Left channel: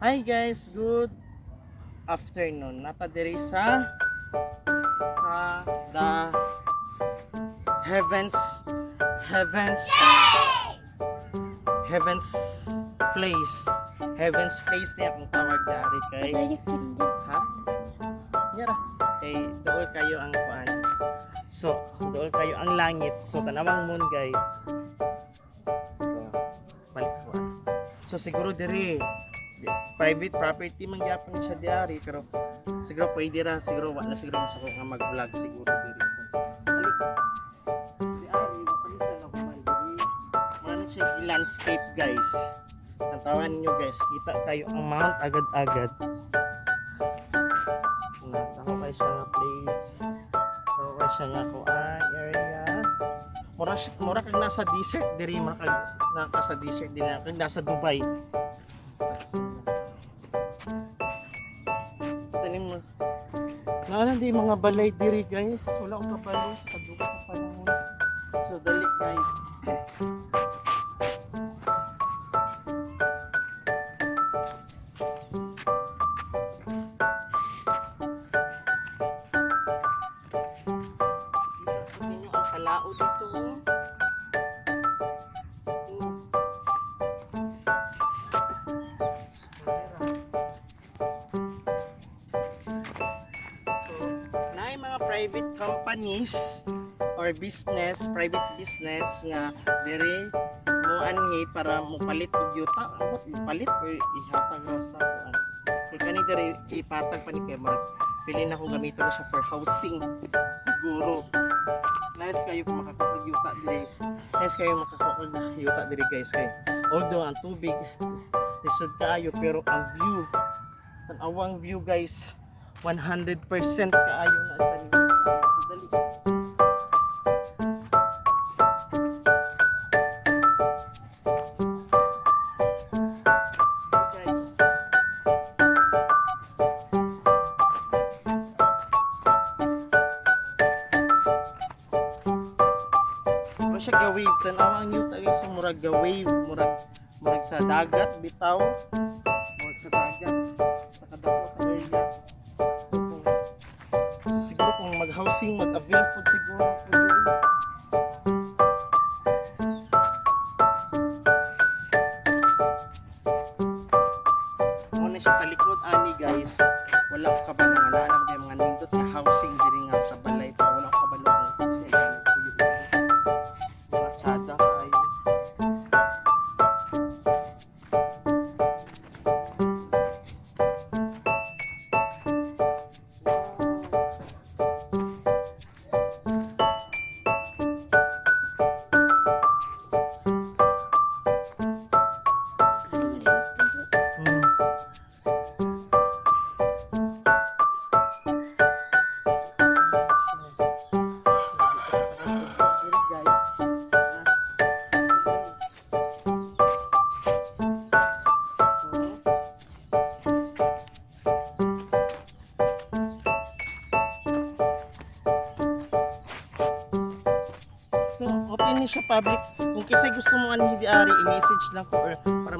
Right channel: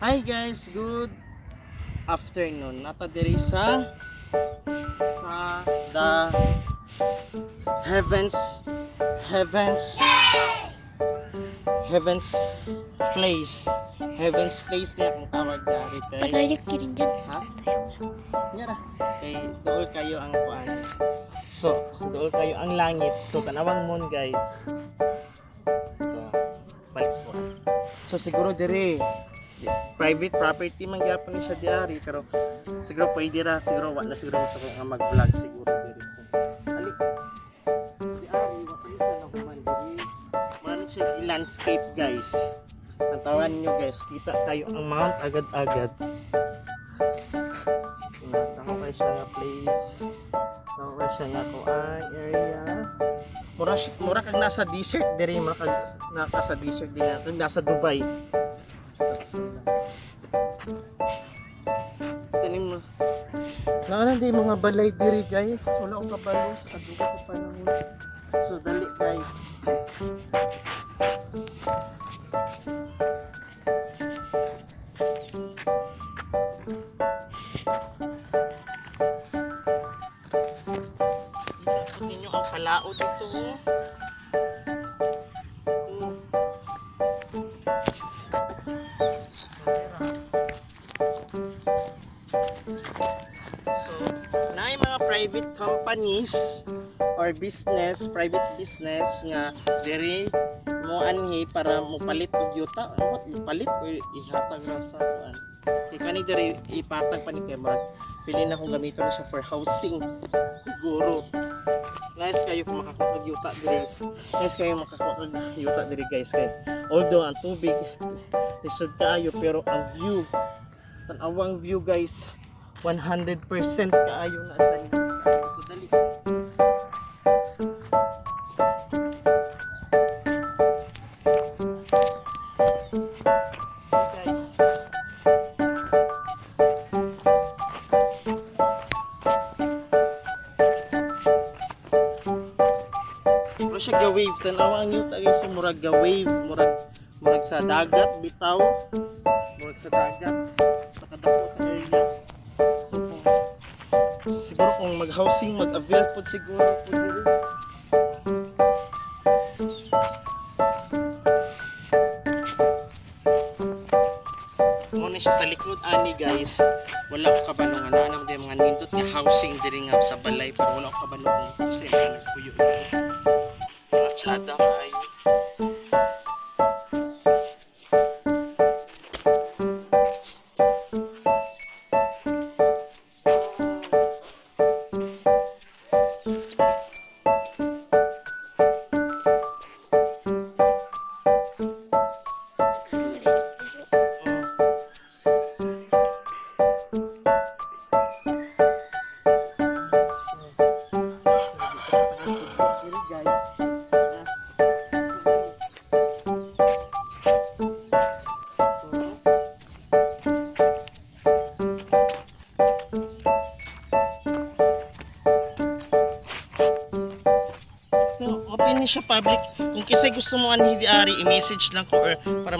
Hi guys, good afternoon. Nata diri sa the heavens heavens heavens place. Heavens place niya kung tawag dari kay. Padayak ka rin dyan. Ha? Nyara. Kay dool kayo ang kuan. So, dool kayo ang langit. So, tanawang moon guys. Ito. Balik ko. So, siguro diri private property man gyapon siya diari pero siguro pwede ra siguro wa na siguro sa nga mag-vlog siguro diri. Ali. Diari wa pa siya na human diri. Man siya landscape guys. Natawan nyo guys, kita kayo ang mount agad-agad. Ako kayo siya na place. Ako kayo siya na kuan area. Mura kag nasa desert diri, mura kag nasa desert diri, kag nasa Dubai. Tanim mo. Naano di mga balay diri guys. Wala ko kabalo sa kadugo ko panahon. So dali guys. Isapot ninyo ang palao dito. Private companies or business, private business nga diri mo anhi para mo palit og yuta, mo palit or ihatag ra sa kuan. Kani diri ipatag pa ni kay mag pili na kung gamiton na siya for housing siguro. Nice kayo kung makakuha og yuta diri. Nice kayo makakuha og yuta diri guys kay although ang tubig lisod kaayo pero ang view, tan-awang view guys 100% kaayo na sa inyo. So, dali. Hey guys. Mura siya ga-wave. Tanawa ang yuta sa murag ga-wave. Murag sa dagat bitaw. Murag sa dagat. Nakadako sa area. Siguro kung mag-housing, mag-avail po siguro po diri. Muna siya sa likod ani guys. Wala ko kabalo nga na naman mga nindot nga housing diri nga sa balay pero wala ko kabalo kung kasi nagpuyo diri. Mga tsada kayo. Open siya public. Kung kisay gusto mo anhi di ari, i-message lang ko or para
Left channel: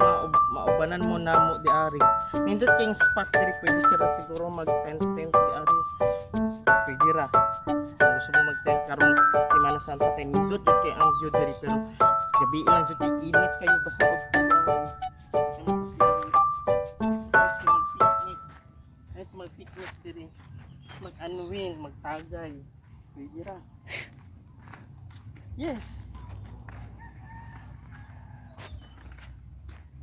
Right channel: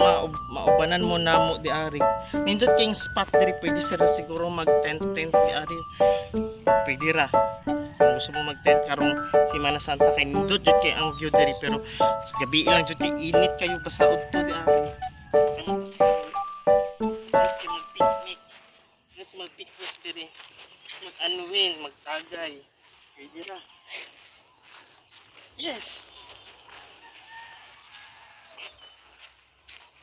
maubanan mo na mo di ari. Nindot kayong spot diri, pwede sila siguro mag-tent di ari. Pwede ra. Kung gusto mo mag-tent karong Semana Santa kay nindot jud kay ang view diri pero gabi lang jud kay init kayo basta udto di ari. Let's mag-picnic diri. Mag-unwind, magtagay. Pwede ra. Yes.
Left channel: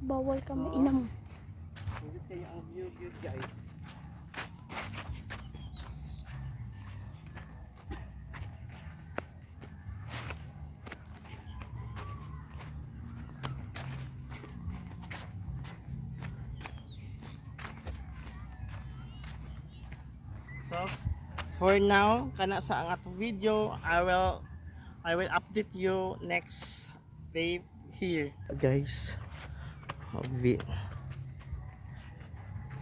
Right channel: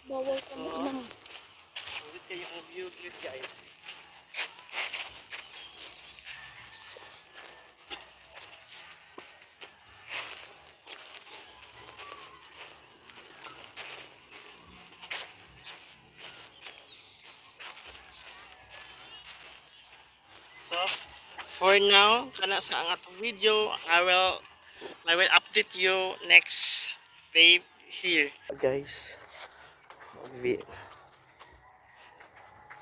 Bawal ka mo inam. Nandito kayo ang view guys. So, for now, kana sa ang atong video, I will update you next day here. Guys,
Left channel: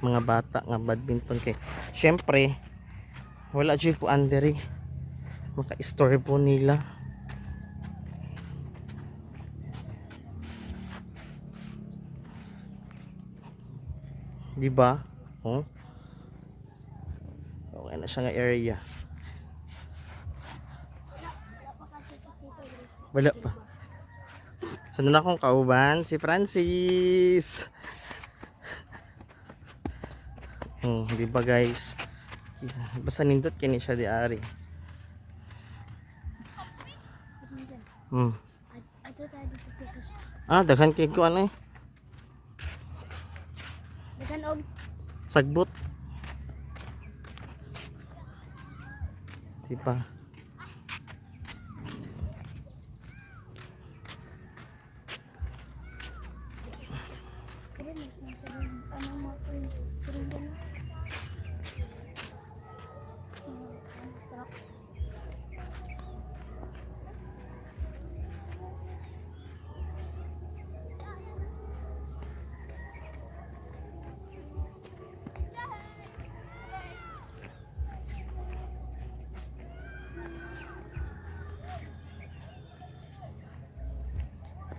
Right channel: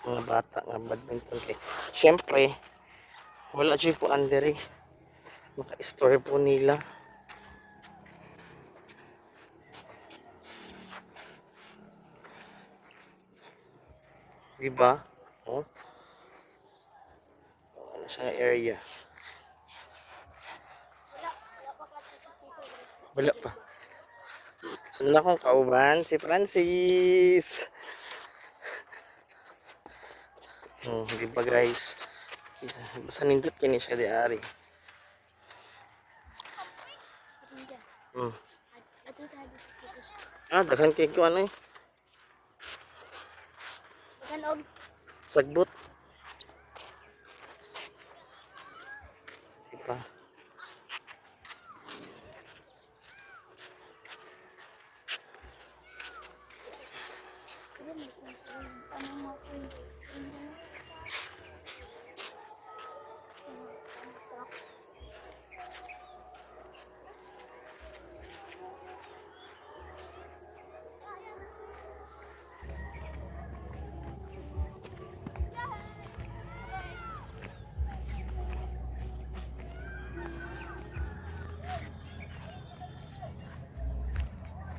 mga bata nga badminton kay syempre wala jud ko anderi maka-istorbo nila. Di ba? Oh. Okay na siya nga area. Wala pa. Sunod na akong kauban, si Francis. Di ba guys? Basta nindot kini siya di ari. Hmm. Ato tayo dito tikas. Daghan kay ko ano eh. Dagan og Sagbot. Di ba? kaya mo tanong mo ko rin din.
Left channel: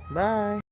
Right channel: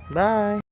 Bye.